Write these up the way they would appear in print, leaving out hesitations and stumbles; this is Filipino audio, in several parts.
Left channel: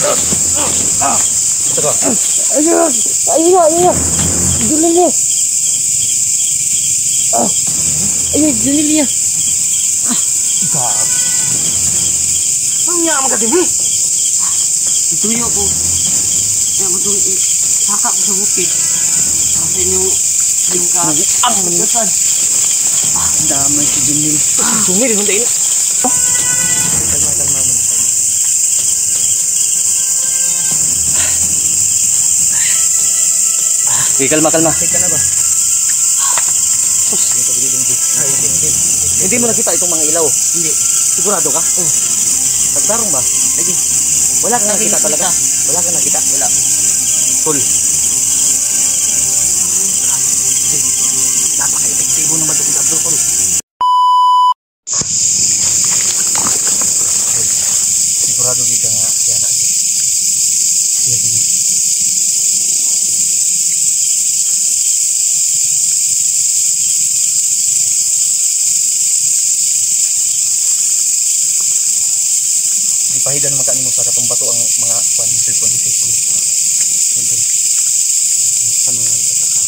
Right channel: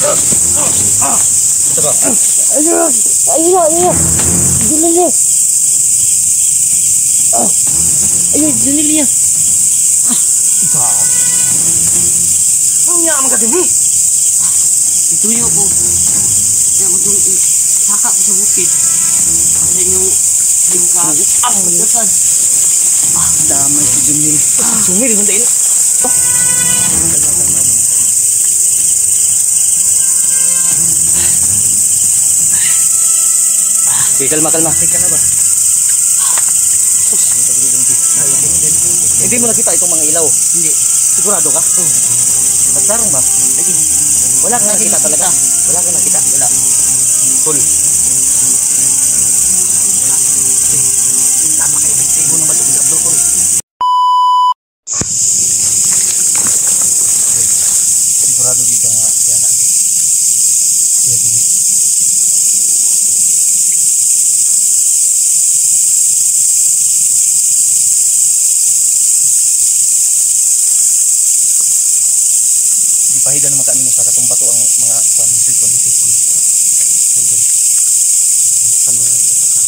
Ito ba? Ayun na. Junil niya. Ayun, Junil niya. Ikaw. Ang niya ang magkatibi. Ituyo ko. Kaya matulog saka ko sa bukid. Kasi yung magdasan. Ang damay si Junil. Junil, hindi ina. Kalma mo. Sige, kalma. Sige ka na ba? Sus, ito ko dito. Hindi mo nakita itong mga ilaw? Hindi. Sigurado ka? Oo. Nagtarong ba? Lagi. Wala kang nakita talaga? Wala kang nakita? Wala. Tol. Napaka-epektibo naman ito si Abdul Tol. Sigurado dito nga si anak. Siya din. Di pahidan naman kanimo sa katong bato ang mga cellphone. Tol. Ano na itataka?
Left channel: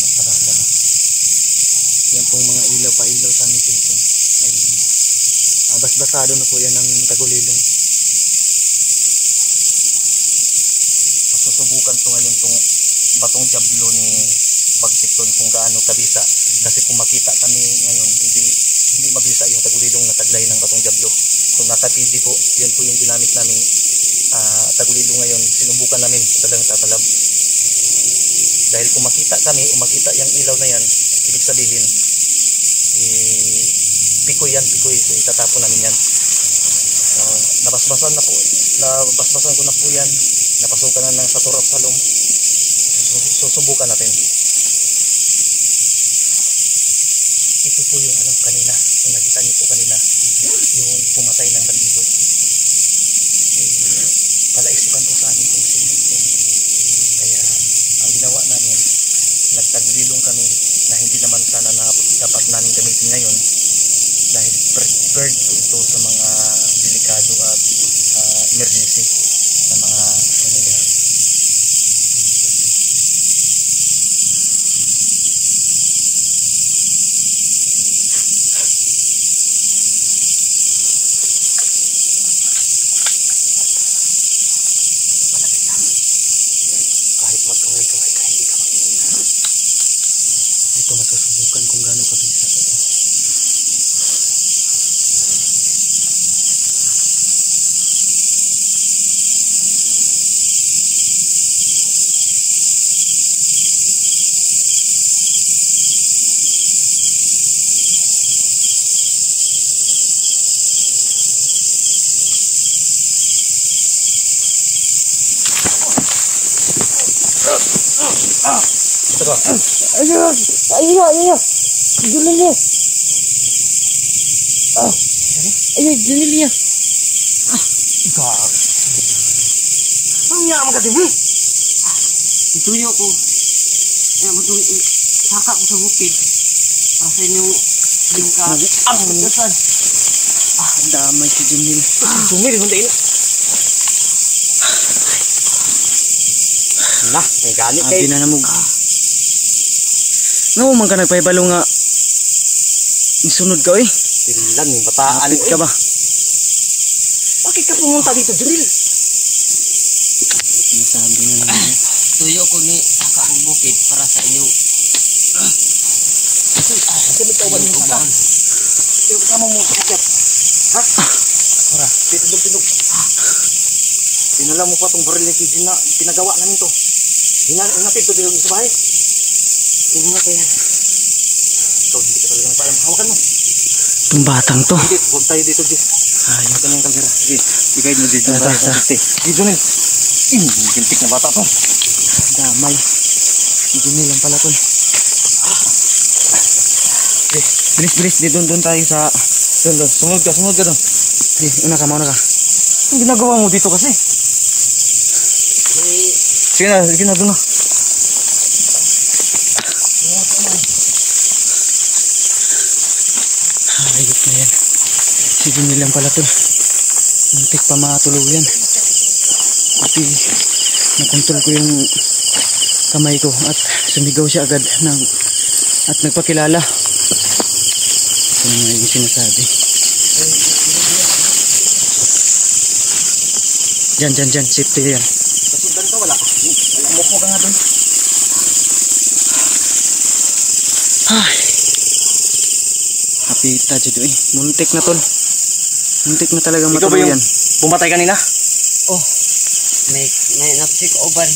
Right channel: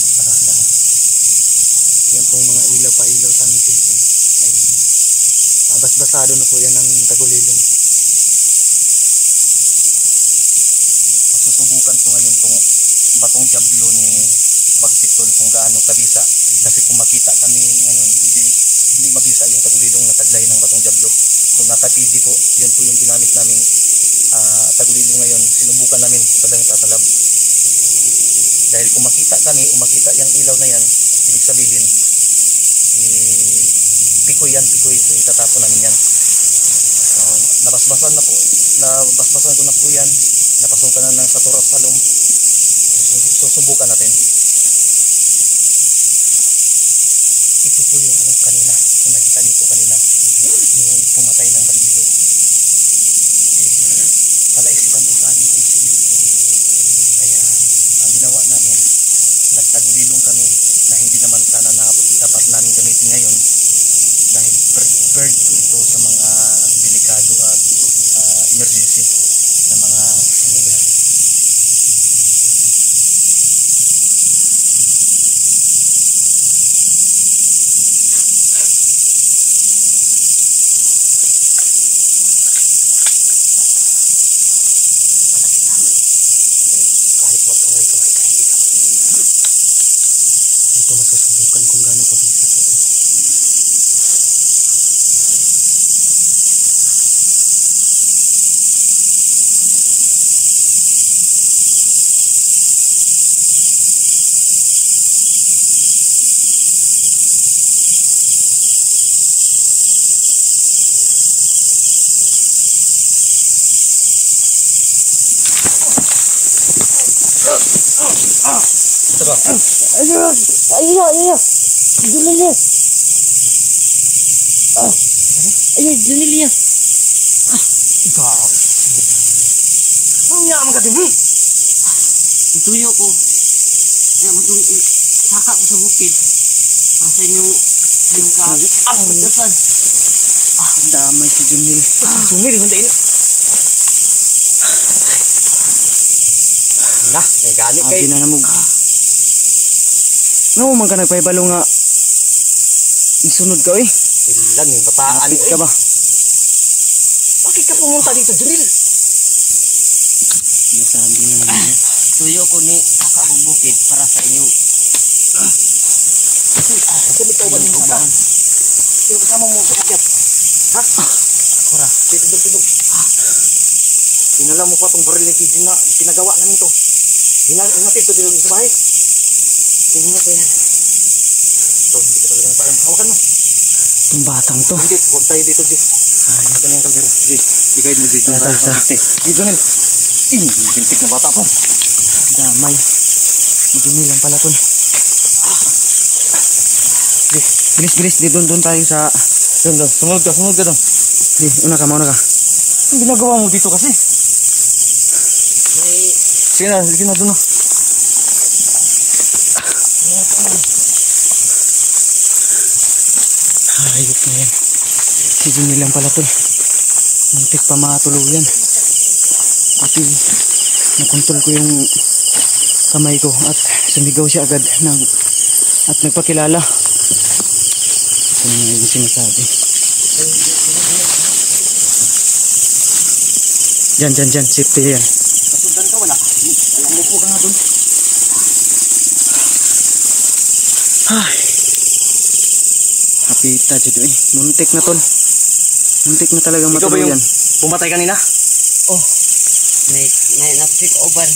Magtaka sila na. Yan pong mga ilaw sa aming cellphone. Ay, basado na po yan ng tagulilong. Masusubukan to ngayon tong batong jablo ni Bagpitol kung gaano kabisa. Kasi kung makita kami ngayon, hindi mabisa yung tagulilong na taglay ng batong jablo. So naka-TV po, yan po yung ginamit namin tagulilong ngayon. Sinubukan namin sa talang tatalab. Dahil kung makita kami o makita yung ilaw na yan, ibig sabihin pikoy. So itatapon namin yan. Nabasbasan ko na po yan. Napasukan na ng Satur of Salom. Susubukan natin. Ito po yung kanina, kung nakita niyo po kanina, yung pumatay ng bandido. Palaisipan po sa amin kung sino ito. Kaya ang ginawa namin, nagtagulilong kami na hindi naman sana dapat namin gamitin ngayon dahil prepared po ito sa mga delikado at emergency na mga nangyayari. Kahit magkaway-kaway ka, hindi ka makikita. Ito masusubukan kung gaano kabisa ito. Ito ba? Ayun na. Junil niya. Ayun, Junil niya. Ikaw. Ang niya ang magkatibi. Ituyo ko. Kaya matulog saka ko sa bukid. Kasi yung magdasan. Ang damay si Junil. Junil, hindi ina. May gani kay. Abi na namog. No, man ka nagpaibalo nga. Isunod ka Silan yung bataan. Kapit ka ba? Bakit ka pumunta dito, Junil? Sinasabi nga naman. Ituyo ko ni saka ang bukid para sa inyo. Kasi bitawan mo ka. Pero kasama mo sa kagat. Ha? Kura, titindog-tindog. Dinala mo pa itong baril ni Kijin na pinagawa namin to. Hinatid ko dito sa bahay. Tingnan mo pa yan. Ito, hindi ka talaga napayam. Hawakan mo. Itong batang to. Hindi, huwag tayo dito, Jis. Ito na yung kalsara. Bigay mo dito. Dito nil. Gintik na bata to. Damay. Junil lang pala to. Bilis. Doon tayo sa... Doon. Sumunod ka doon. Una ka. Ang ginagawa mo dito kasi? Sige na doon. Ayot na yan. Si Junil lang pala to. Muntik pa matuluyan. Pati nakontrol ko yung kamay ko at sumigaw siya agad at nagpakilala. Ito na nga yung sinasabi. Diyan, safety yan. Kasundan ka, wala. Alam mo ka nga dun. Ay. Hapita dyan eh. Muntik na tol. Muntik na talagang Ikaw ba matuluyan. yung pumatay kanina? Oh, may napsik oban.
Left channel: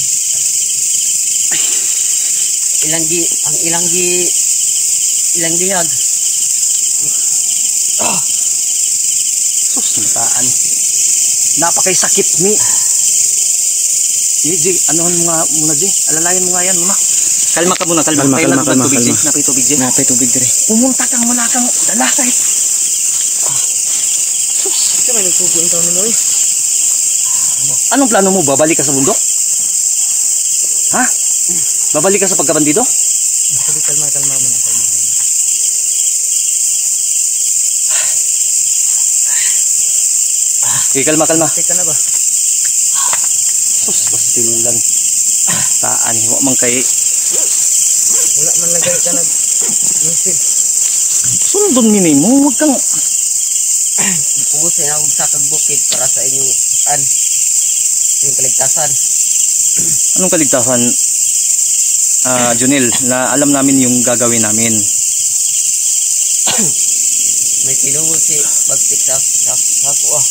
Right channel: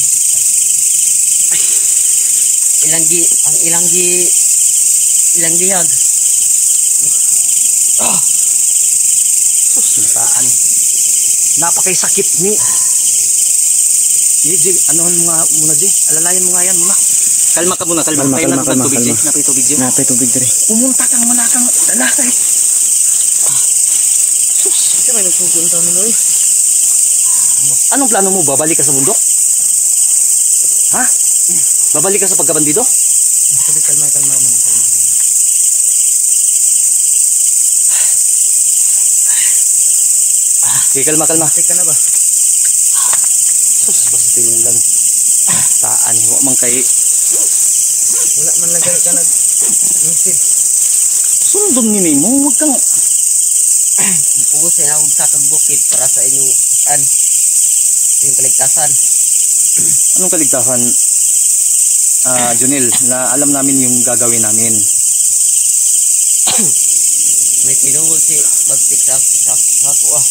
Ilang gihag. Susuntaan. Napakay sakit ni. Di, anuhan mo nga muna di. Alalayan mo nga yan muna. Kalma ka muna, kalma. Kalma. Napay tubig di. Napay tubig dire. Pumunta kang wala kang dala kahit. Ito may nagpupunta taon mo eh. Anong plano mo? Babalik ka sa bundok? Ha? Babalik ka sa pagkabandido? Sabi kalma muna. Okay, kalma. Teka na ba? Sus, pastilan. Taan, huwag man kay. Wala man lagay ka nag-message. Sundon nini mo, huwag kang. Pugusin ako sa kagbukid para sa inyong yung kaligtasan. Anong kaligtasan, Junel, na alam namin yung gagawin namin. May tinungol si Bagtik sa ako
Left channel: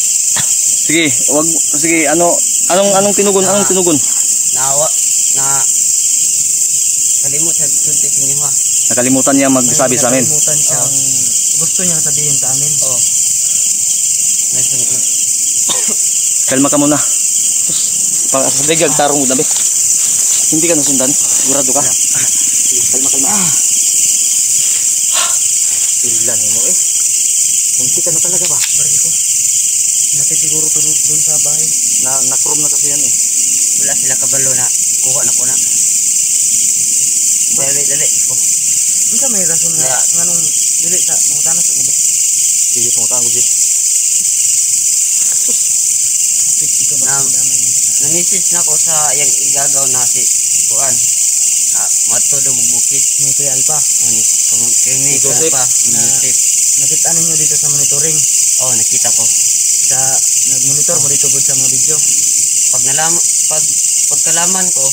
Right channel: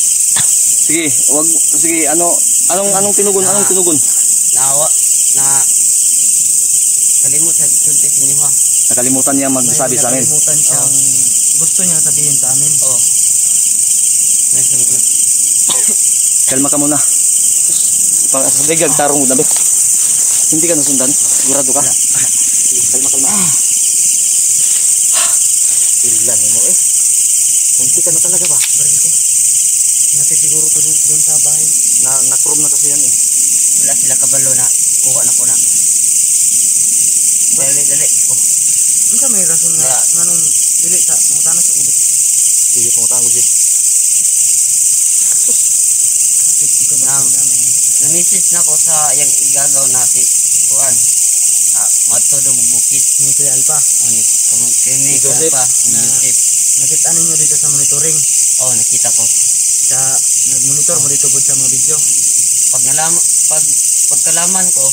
Sige, anong tinugon? Anong tinugon? na kalimut sa sulti sa inyo ha. Nakalimutan niya magsabi sa amin. Nakalimutan siyang gusto niya sabihin sa amin. Oo. May sungkot. Kalma ka muna. Pag-asabigag, tarong mo dabi. Hindi ka nasundan? Sigurado ka? Kalma. Ilan mo eh. Munti ka na talaga ba? Bari ko. Natin siguro to doon sa bahay. Na-chrome na kasi yan eh. Wala sila kabalo na kuha na ko na. Dali ko. Ano ka may rason na nganong dili sa mga tanas sa ubit? Dili pangutang ko di. Kapit ko ba? Nang-message na ko sa yang igagaw na si Kuan. Mato do bukid ni Kuya Alpa. Ni Joseph. Alpa. Nakita ninyo dito sa monitoring? Oo, nakita ko. Nag-monitor mo dito sa mga video. Pagkalaman ko,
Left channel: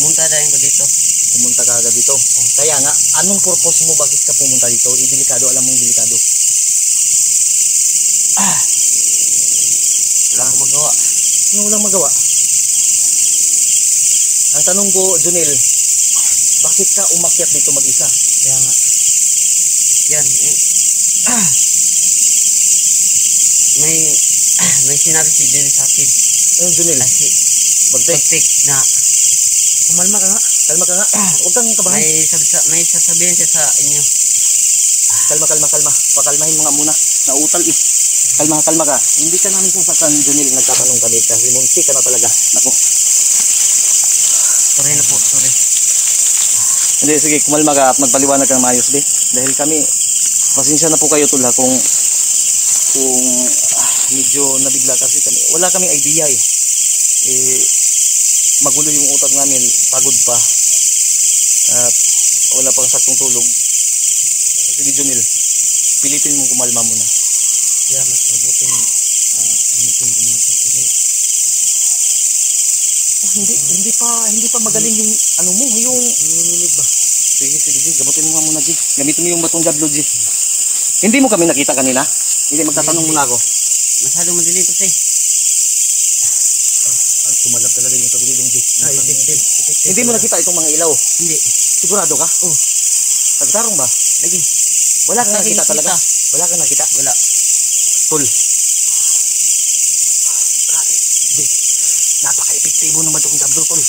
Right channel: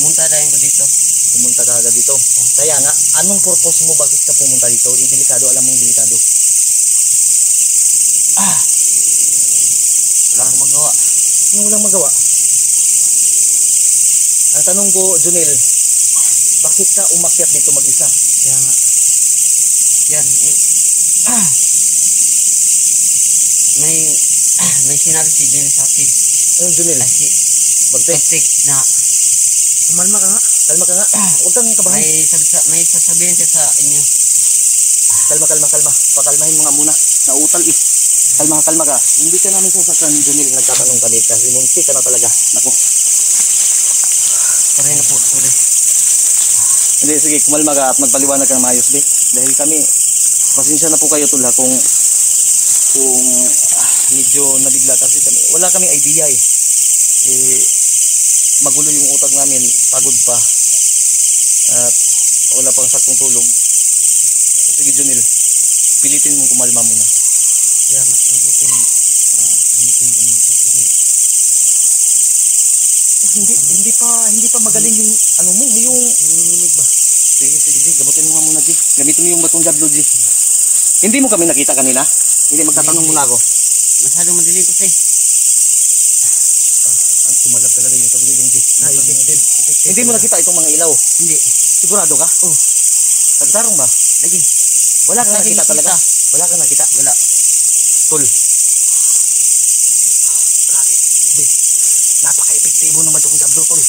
pumunta dahil ko dito. Pumunta ka agad dito. Kaya nga, anong purpose mo? Bakit ka pumunta dito? Delikado, alam mong delikado. Wala akong magawa. Ano walang magawa? Ang tanong ko, Junel, bakit ka umakyat dito mag-isa? Kaya nga. Yan. May sinabi si Junel sa akin. Ayun, Junel. Bagtik na. Kumalma ka nga. Kalma ka nga. Huwag kang kabahan. May sasabihin siya sa inyo. Kalma. Pakalmahin mo nga muna. Nautal eh. Kalma ka. Hindi ka namin sasaktan, Junel. Nagtatanong kami kasi munti ka na talaga. Nako. Sorry na po. Hindi, sige, kumalma ka at magpaliwanag kang maayos, be. Dahil kami, pasensya na po kayo tula kung medyo nabigla kasi kami. Wala kaming idea eh. Magulo yung utak namin, pagod pa. At wala pang saktong tulog. Sige, Junel, pilitin mong kumalma muna. Kaya mas mabuting gamitin ko nito kasi hindi pa magaling yung ano mo, yung nanginginig ba? Sige, gamutin mo nga muna, G. Gamitin mo yung batong jablo, G. Hindi mo kami nakita kanina? Hindi, magtatanong muna ako. Masyadong madilim kasi. Tumalab talaga yung tagulilong, G. Hindi mo nakita itong mga ilaw? Hindi. Sigurado ka? Oo. Nagtarong ba? Lagi. Wala kang nakita talaga? Wala kang nakita? Wala. Tol. Grabe. G. Napaka-epektibo ng batong jablo, Tol.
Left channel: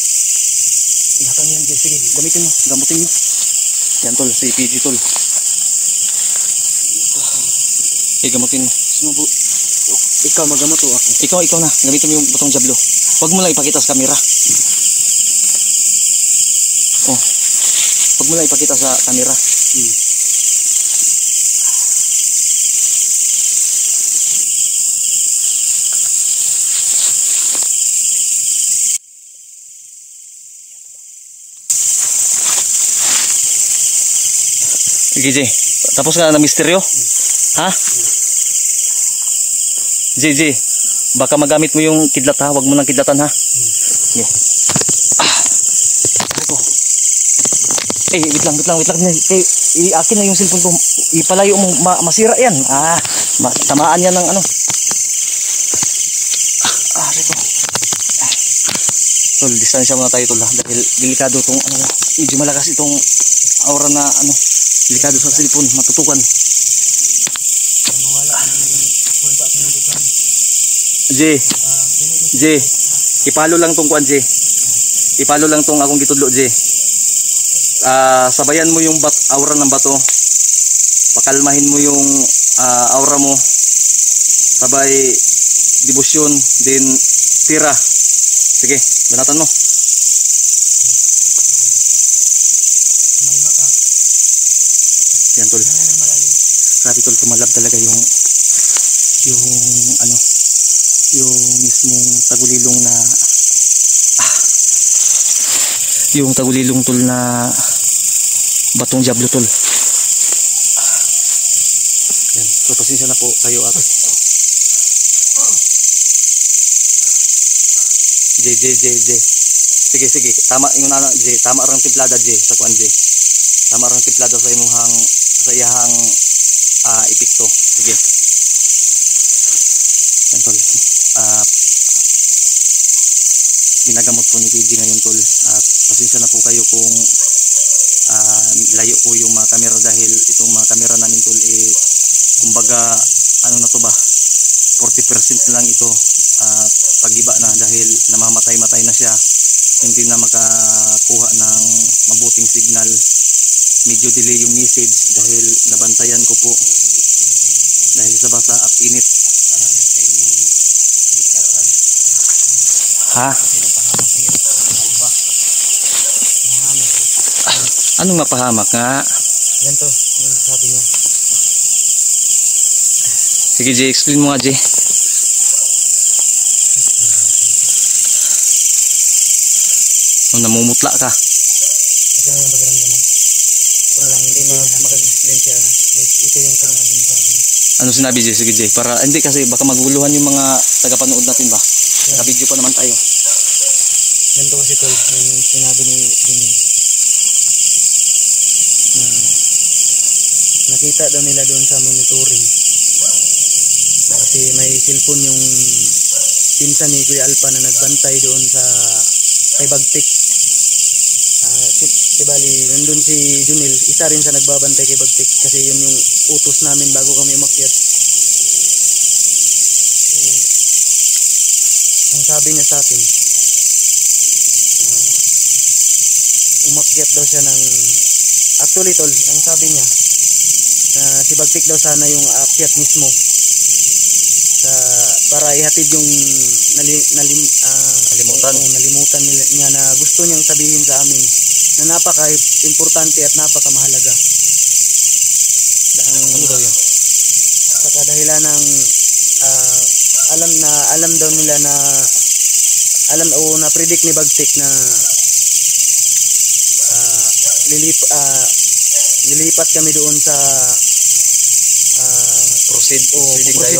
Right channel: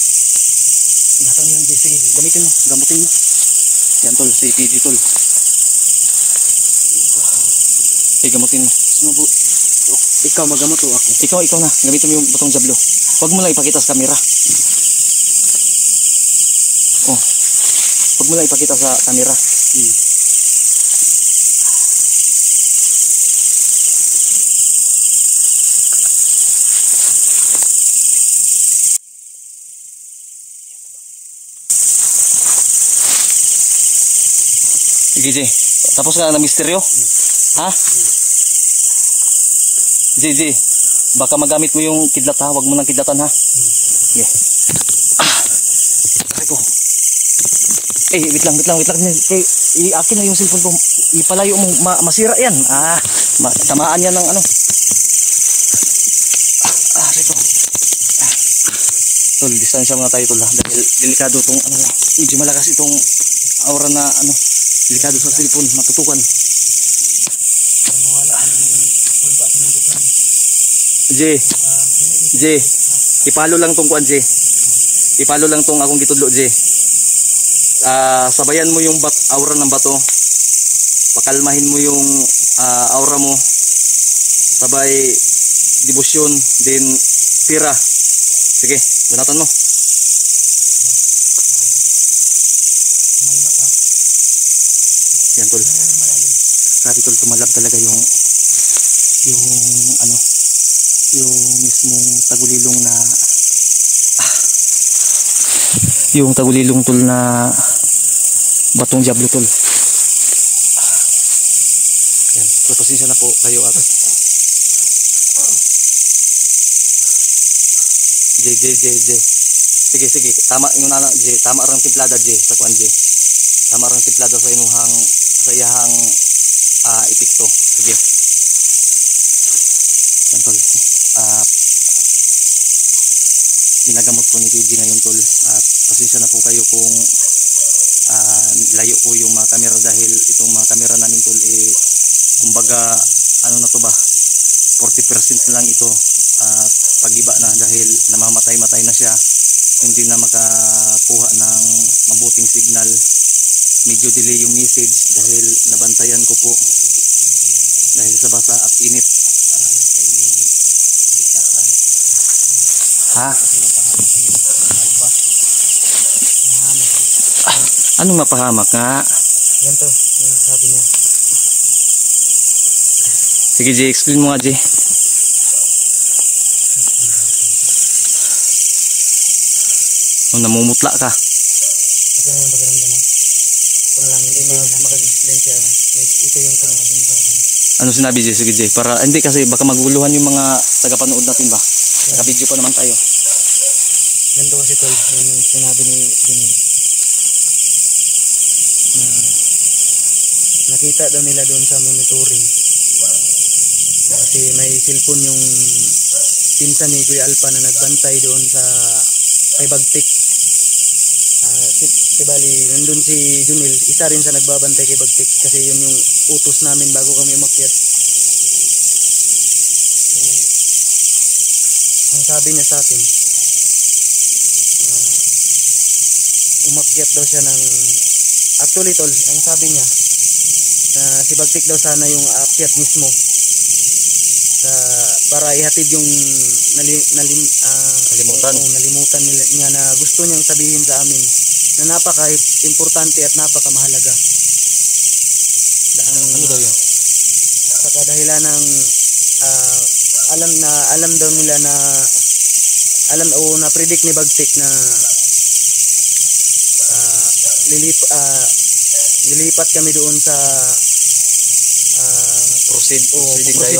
Ingatan mo yan, G. Sige, gamitin mo. Yan, Tol. Si PG, Tol. Gamutin mo. Ikaw magamot o ako? Ikaw na. Gamitin mo yung batong jablo. Huwag mo lang ipakita sa camera. Huwag mo lang ipakita sa camera. Sige, J. Tapos ka na misteryo? Ha? J. Baka magamit mo yung kidlat ha. Huwag mo nang kidlatan ha. Yo. Aray ko. Wait lang. Akin na yung cellphone ko. Ipalayo mo. Masira yan. Tamaan yan ng ano. Aray ko. Tol, distansya muna tayo tol ha. Dahil delikado tong ano. Medyo malakas itong aura na ano. Delikado sa cellphone. Matutukan. J. Ipalo lang tong kuan J. Ipalo lang tong akong gitudlo J. Sabayan mo yung aura ng bato. Pakalmahin mo yung aura mo. Sabay debosyon din pira. Sige, banatan mo. Yan tol. Grabe tol, tumalab talaga yung ano, yung mismong tagulilong na yung tagulilong tol na batong diablo tol. Yan, so pasensya na po kayo at J. Sige. Tama yung anak J. Tama rang timplada J sa kuan J. Tama rang timplada sa imong sa iyahang epekto. Sige. Yan tol. Ginagamot po ni PG ngayon tol. At pasensya na po kayo kung layo ko yung mga kamera dahil itong mga kamera namin tol kumbaga ano na to ba 40% lang ito at pagiba na dahil namamatay na siya, hindi na makakuha ng mabuting signal, medyo delay yung message dahil nabantayan ko po dahil sa basa at init. Ha? Anong mapahamak nga? Yan to, yung sabi niya. Sige J, explain mo nga J. Namumutla ka. Ito na yung pagkaramdam mo. Kung lang hindi makag-explain siya. Ito yung sinabi niya sa akin. Ano sinabi J? Sige J. Para hindi kasi baka maguluhan yung mga tagapanood natin ba? Naka-video pa naman tayo. Ganito kasi tol, yung sinabi ni Junil. Na nakita daw nila doon sa monitoring. Kasi may cellphone yung pinsan ni Kuya Alpa na nagbantay doon sa kay Bagtik. Bali, nandun si Junil, isa rin sa nagbabantay kay Bagtik kasi yun yung utos namin bago kami umakyat. So, ang sabi niya sa akin, umakyat daw siya ng actually tol, ang sabi niya si Bagtik daw sana yung aakyat mismo para ihatid yung nalimutan niya na gusto niyang sabihin sa amin na napaka-importante at napaka-mahalaga. Ano daw yun? Sa kadahilan ng alam daw nila na na-predict ni Bagtik na lilipat kami doon sa proceed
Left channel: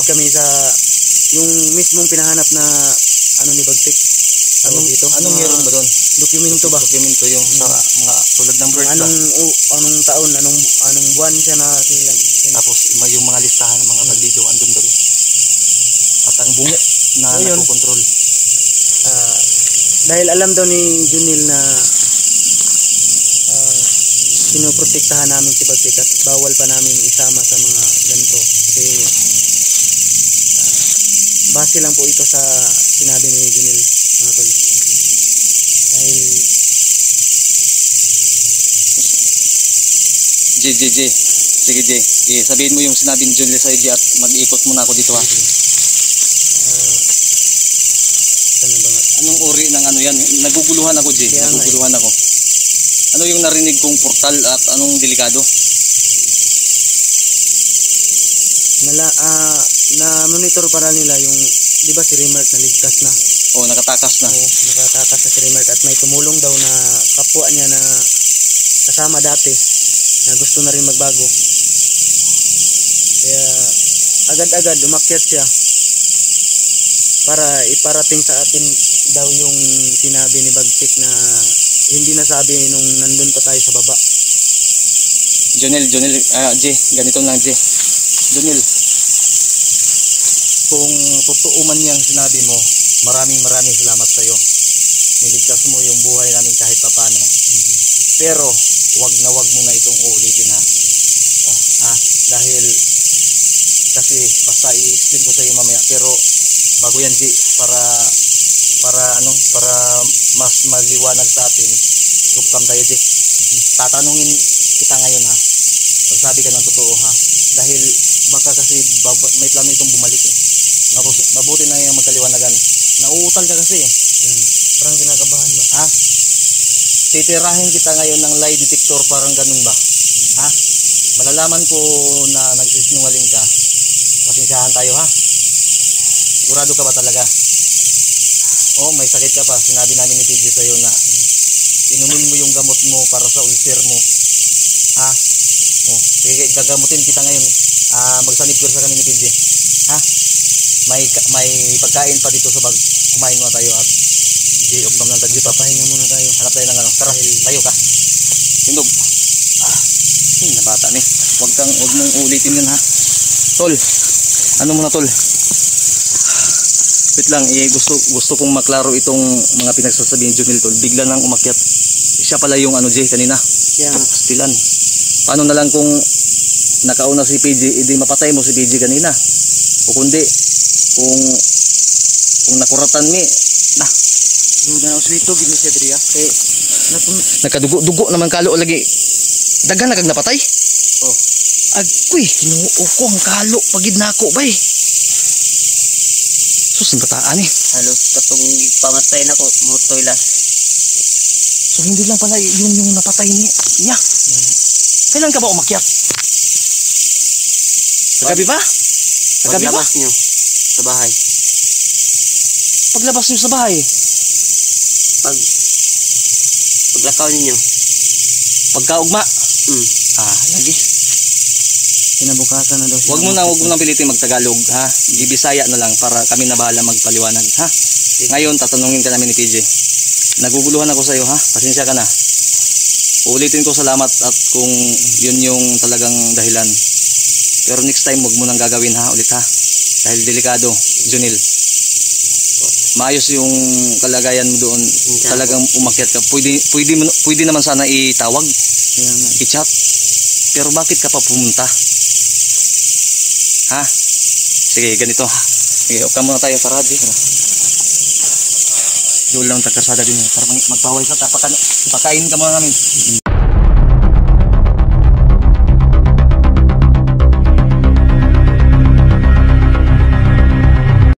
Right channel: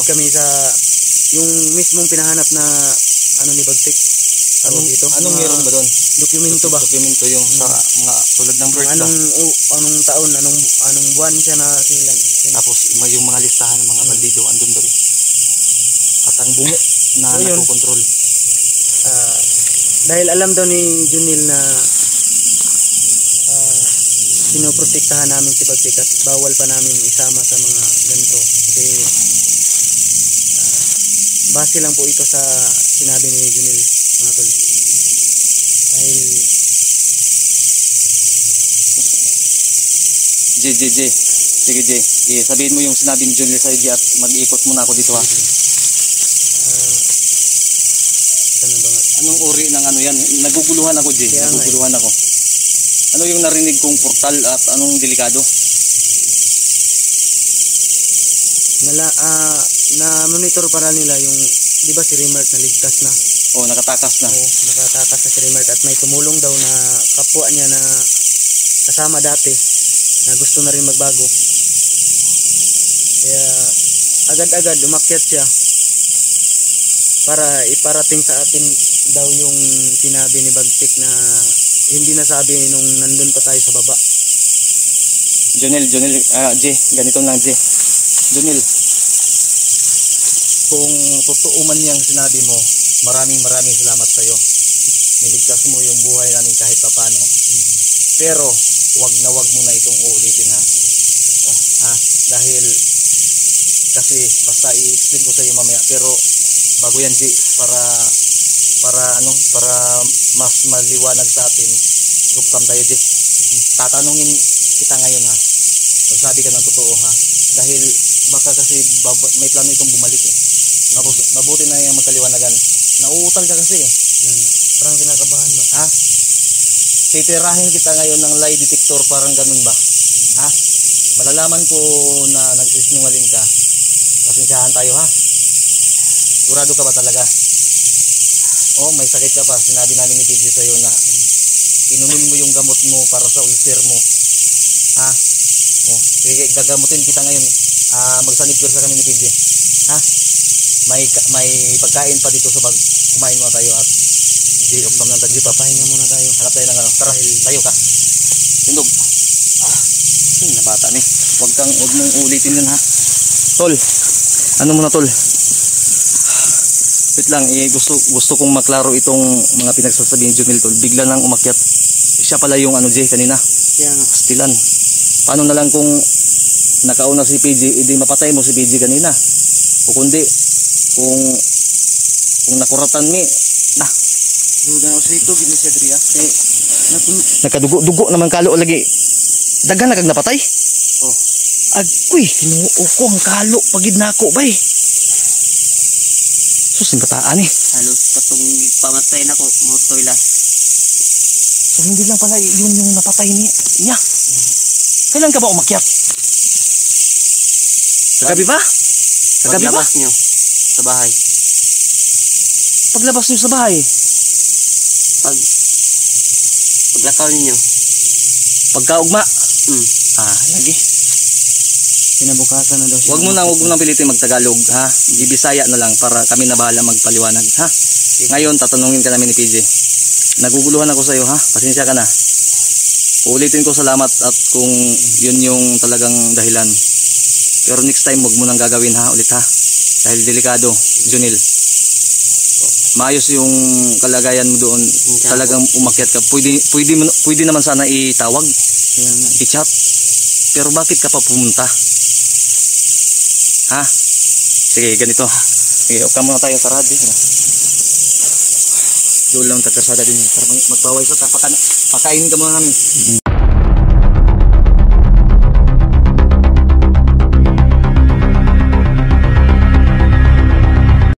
kami sa yung mismong pinahanap na ano ni Bagtik. Anong meron ba doon? Dokumento ba? Dokumento yung sa mga tulad ng break. Anong taon, anong buwan siya na silang. Tapos yung mga listahan ng mga bandido andun doon. At ang bungo na nakokontrol. Dahil alam daw ni Junil na pinoprotektahan namin si Bagtik at bawal pa namin isama sa mga ganito kasi base lang po ito sa sinabi ni Junil mga tol. Dahil Sige J, sabihin mo yung sinabing Junil sa J at mag-iikot muna ako dito ha. Anong uri ng ano yan? Naguguluhan ako J, naguguluhan ako. Ano yung narinig kong portal at anong delikado? Na monitor para nila yung, di ba si Remart naligtas na? Oo, nakatakas na. Oo, nakatakas na si Remart at may tumulong daw na kapwa niya na kasama dati na gusto na rin magbago. Kaya agad-agad umakyat siya para iparating sa atin daw yung sinabi ni Bagtik na hindi nasabi nung nandun pa tayo sa baba. Jonel, J, ganito lang J. Jonel, kung totoo man yung sinabi mo, maraming salamat sa iyo. Niligtas mo yung buhay namin kahit paano. Pero wag mo na itong uulitin ha. Dahil kasi basta i-explain ko sa iyo mamaya, pero bago yan G, para mas maliwanag sa atin, luktam tayo G. Tatanungin kita ngayon ha. Magsabi ka ng totoo ha. Dahil baka kasi may plano itong bumalik eh. Mabuti na yung magkaliwanagan. Nauutal ka kasi eh. Parang kinakabahan ba? Ha? Titirahin kita ngayon ng lie detector, parang ganun ba? Ha? Malalaman ko na nagsisinungaling ka. Pasensyahan tayo ha. Sigurado ka ba talaga? Oh, may sakit ka pa. Sinabi namin ni PG sa'yo na inumin mo yung gamot mo para sa ulcer mo. Ha? Oh, sige, gagamutin kita ngayon. Magsanipir sa kanina ni PG. Ha? May pagkain pa dito sa bag. Kumain mo tayo at di-off naman ng tagli. Papahinga muna tayo. Hanap tayo ng ano. Tara, tayo ka. Tindog. Na bata ni. Huwag mong ulitin yun ha. Tol. Ano muna tol? Wait lang, gusto kong maklaro itong mga pinagsasabi ni Jomel tol. Bigla nang umakyat. Siya pala yung ano Jay kanina. Stilan. Paano na lang kung nakauna si PG, hindi mapatay mo si PG kanina. O kundi kung nakuratan ni Yung na uswito gini si Adria. nakadugo naman kalo lagi. Dagan na kag napatay. Oh. Agoy, tinuo ko ang kalo pagid nako bay. Sus bataan eh. Halos katong pamatay na ko, mutoy la. So hindi lang pala yun yung napatay niya. Kailan ka ba umakyat? Kagabi ba? Kagabi ba? Paglabas nyo sa bahay. Paglabas niyo sa bahay. Paglakaw ninyo. Pagkaugma. Lagi. Kinabukasan na daw siya. Huwag mo na pilitin magtagalog ha. Ibisaya na lang para kami na bahala magpaliwanag ha. Ngayon tatanungin ka namin ni PJ. Naguguluhan ako sa iyo ha. Pasensya ka na. Uulitin ko salamat at kung yun yung talagang dahilan. Pero next time huwag mo nang gagawin ha ulit ha. Dahil delikado, Jonel. Maayos yung kalagayan mo doon. Talagang umakyat ka. Pwede naman sana itawag. I-chat. Pero bakit ka pa pumunta? Ha? Sige, ganito. Sige, uka muna tayo sa radyo. Doon lang tagkasada din. Para magpaway sa tapakan. Pakain ka muna namin.